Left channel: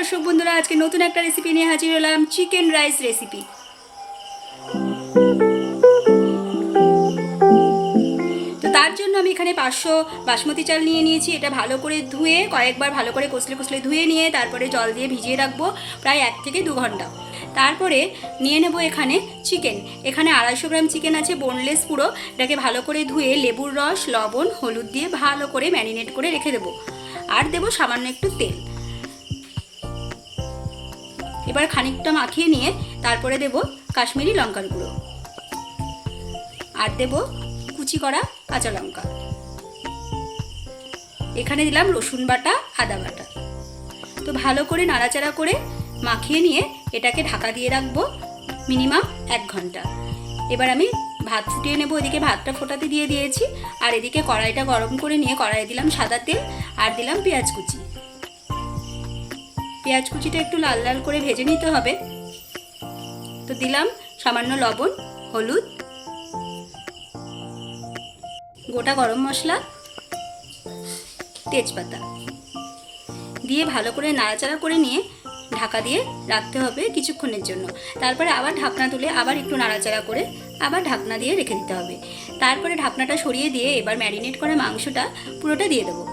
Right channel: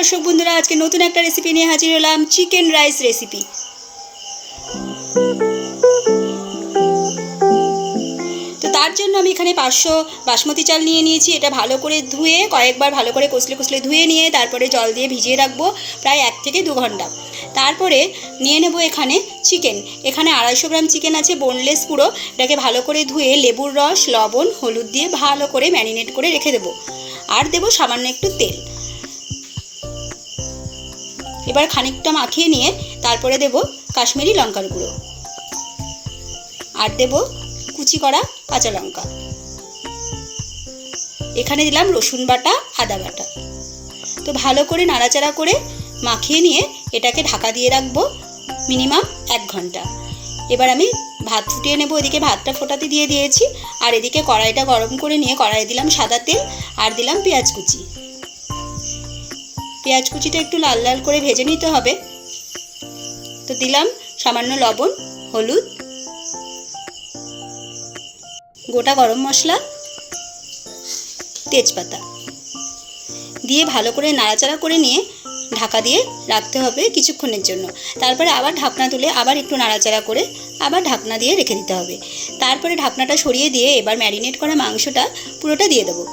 দর্শক বন্ধুরা, আজকে নতুন একটা রেসিপি নিয়ে হাজির হলাম চিকেন রাইস রেসিপি তো তার জন্য আমি এখানে পাঁচশো বাসমতি চাল নিয়ে নিয়েছি। এটা ভালো করে ধুয়ে, কয়েকবার ভালো করে কষলে কষলে ধুয়ে নিয়ে তারপরে জল দিয়ে ভিজিয়ে রাখব প্রায় এক থেকে দু ঘণ্টা। তারপরে নিয়ে নেব এখানে চিকেন এখানে আড়াইশো গ্রাম চিকেন আছে বোনলেস পুরো। এটাকে ভালো করে ধুয়ে লেবুর রস, লবণ, হলুদ দিয়ে ভালো করে ম্যারিনেট করে রেখে দেবো। আর দেবো সামান্য একটু তেল। এবার খানিকটা মাখিয়ে নিয়ে তারপরে দেব কাশ্মীরি লঙ্কার গুঁড়ো। আর দেব কুচি করা কাঁচা লঙ্কা। এখানে দিলাম রসুন বাটা, আদা বাটা। তো ভালো করে নাড়াচাড়া করে মাখিয়ে নিয়ে এটাকে ঢাকা দিয়ে রাখব মিনিমাম এক ঘণ্টা। এবার আমি ভাত ফুটিয়ে নেব, এদিকে ভাতটা ফোটাতে দিয়ে দিয়েছি। আর এদিকে কড়াইটা গরম করে নিয়ে কড়াইয়ে দিলাম সাদা তেল আর দিলাম পেঁয়াজ কুচি। পেঁয়াজ কুচিটা একটু লাল লাল করে ভেজে নিতে হবে। তো দিলাম সামান্য লবণ, হলুদ, গোটা গরম মশলা, তেজপাতা। দিয়ে ভালো করে নাড়াচাড়া করে নিয়ে ঢাকা দিয়ে রাখতে হবে কিছুক্ষণের জন্য। তারপরে আবার ঢাকনা তুলে আবার একটু নাড়াচাড়া করে আবার ঢাকনা দিয়ে রেখে দিতে হবে। তারপরে ঢাকনাটা সরিয়ে দিয়ে এবার ম্যারিনেট করা মাংসটা পুরোটা দিয়ে দেবো।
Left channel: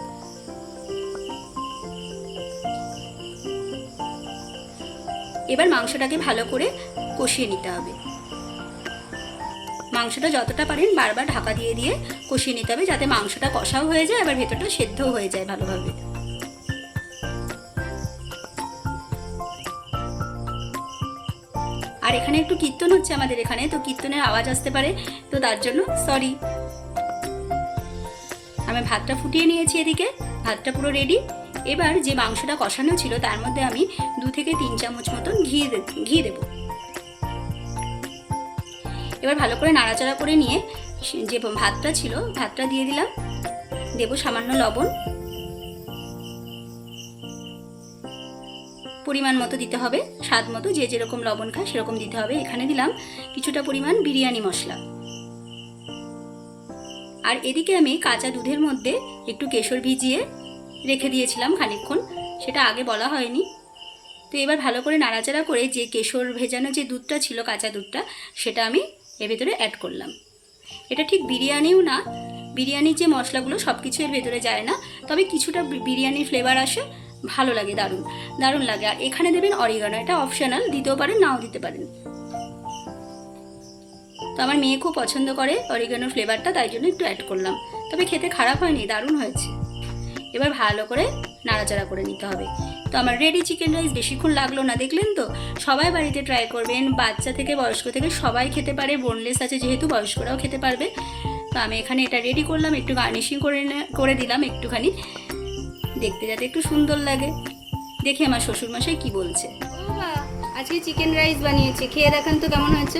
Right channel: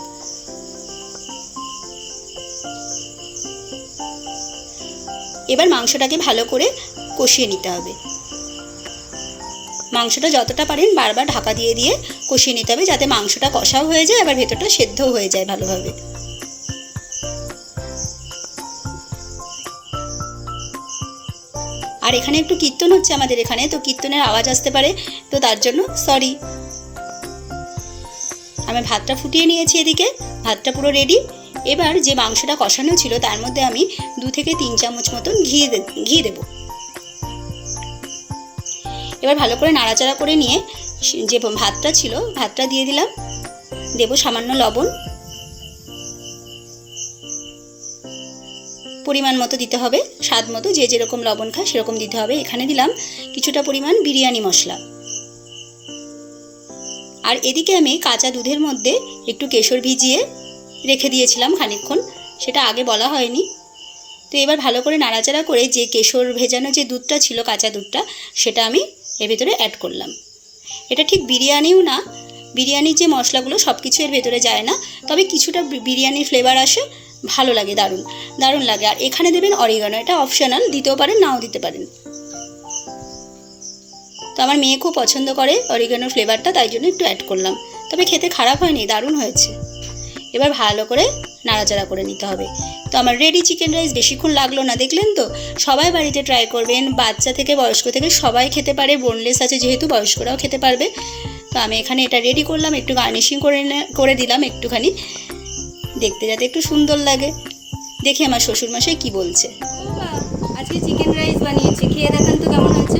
এবার মাংসটাকে ভালো করে কষিয়ে নিতে হবে। মাংসটা যতটা পারেন বারবার ঢাকা দিয়ে দিয়ে কষিয়ে নিতে হবে যাতে মাংসটা কষাও হয়ে যায়, আবার ভেতরটা সেদ্ধও হয়ে যায় ভালোভাবে। আর এখানে একটু কীর্তন হচ্ছে আমাদের এখানে, তো কীর্তনের আওয়াজ আসতে পারে, তো তার জন্য সরি আমি ভাতটা ফুটিয়ে নিয়েছি এদিকে, ভাতটা পুরো রেডি এবার যে মাংসটা কষানো ছিল, তার মধ্যে আমি দু থেকে তিন চামচ মতন ঘি ঘি দেবো। এবার ভালো করে নাড়াচাড়া করে নিয়ে যে ভাতটা ছিল, ভাতটা দিয়ে দিলাম। দেবো সামান্য লবণ। পরিমাণ মতো দিতে হবে, স্বাদ মতো। যে যেরকম লবণ খায়, সেরকম দিতে হবে। এখানে দিলাম কিছুটা পরিমাণ বিরিয়ানি মশলা। আর এদিকে আমি কাঁচা দুধের মধ্যে একটু কেশর ভিজিয়ে রেখে দিয়েছিলাম খানিকক্ষণ, সেটা আগে বলা হয়নি। তো এবার ভালো করে নাড়াচাড়া করে যে কেশর ভেজানো যে দুধটা ছিল, কাঁচা দুধটা, সেটা আমি এর ভেতরে অ্যাড করলাম। এটা ঠিক বিরিয়ানিও না, বিরিয়ানির যে মশলাগুলো সব কিছু এর ভেতরে যায় না, তবে কিছুটা বিরিয়ানির ফ্লেভার আসে, ভালো লাগে, দারুণ দারুণ লাগে। আর এখানে দেবেন অরিগানো এটা অপশনাল দিতেও পারেন, নাও দিতে পারেন। তো আমার মেয়ে খুব পছন্দ করে অরিগানোর ফ্লেভারটা তাই জন্য একটু অ্যাড করলাম। তবে খেতে খারাপ হয়নি, দারুণ হয়েছে। এবার ভালো করে নাড়াচাড়া করে নিতে হবে। তো আমার রেডি চিকেন রাইস বেশিক্ষণ লাগল না, দেখলেন তো? সবাই বাড়িতে ট্রাই করবেন, বাচ্চা থেকে, বয়স্ক থেকে সবাই খেতে পারে বোনলেস আছে যেহেতু, বয়স্করাও খেতে পারবে। তো আমি এখানে এটা রেডি করলাম, একটু গার্নিশিং করে করে দিলাম একটুখানি। দেখতে যাতে একটু সুন্দর লাগে। দেখি আমার শ্বশুরমশাই কি বলছে। আজকে চিকেন রাইস বানিয়েছি। খেয়ে দেখান তো কেমন হয়েছে।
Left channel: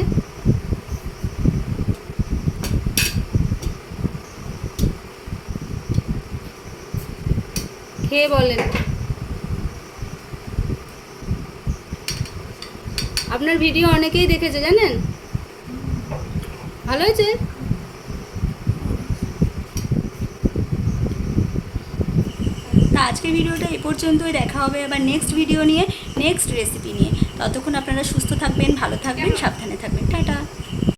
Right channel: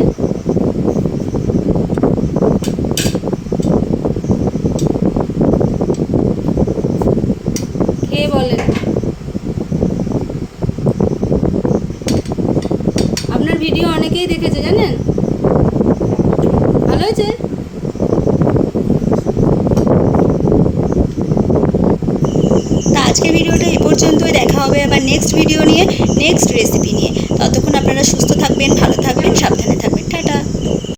খেয়ে বলেন? আপনার ভিডিও অনেকেই দেখেছে, জানেন? ভালো হয়েছে? আজকে ভিডিওটা এ পর্যন্তই। দেখা হবে আবার নেক্সট ভিডিও নিয়ে নেক্সট রেসিপি নিয়ে। ততক্ষণ আপনারা সুস্থ থাকবেন, ভালো থাকবেন, সাবধানে থাকবেন। টাটা।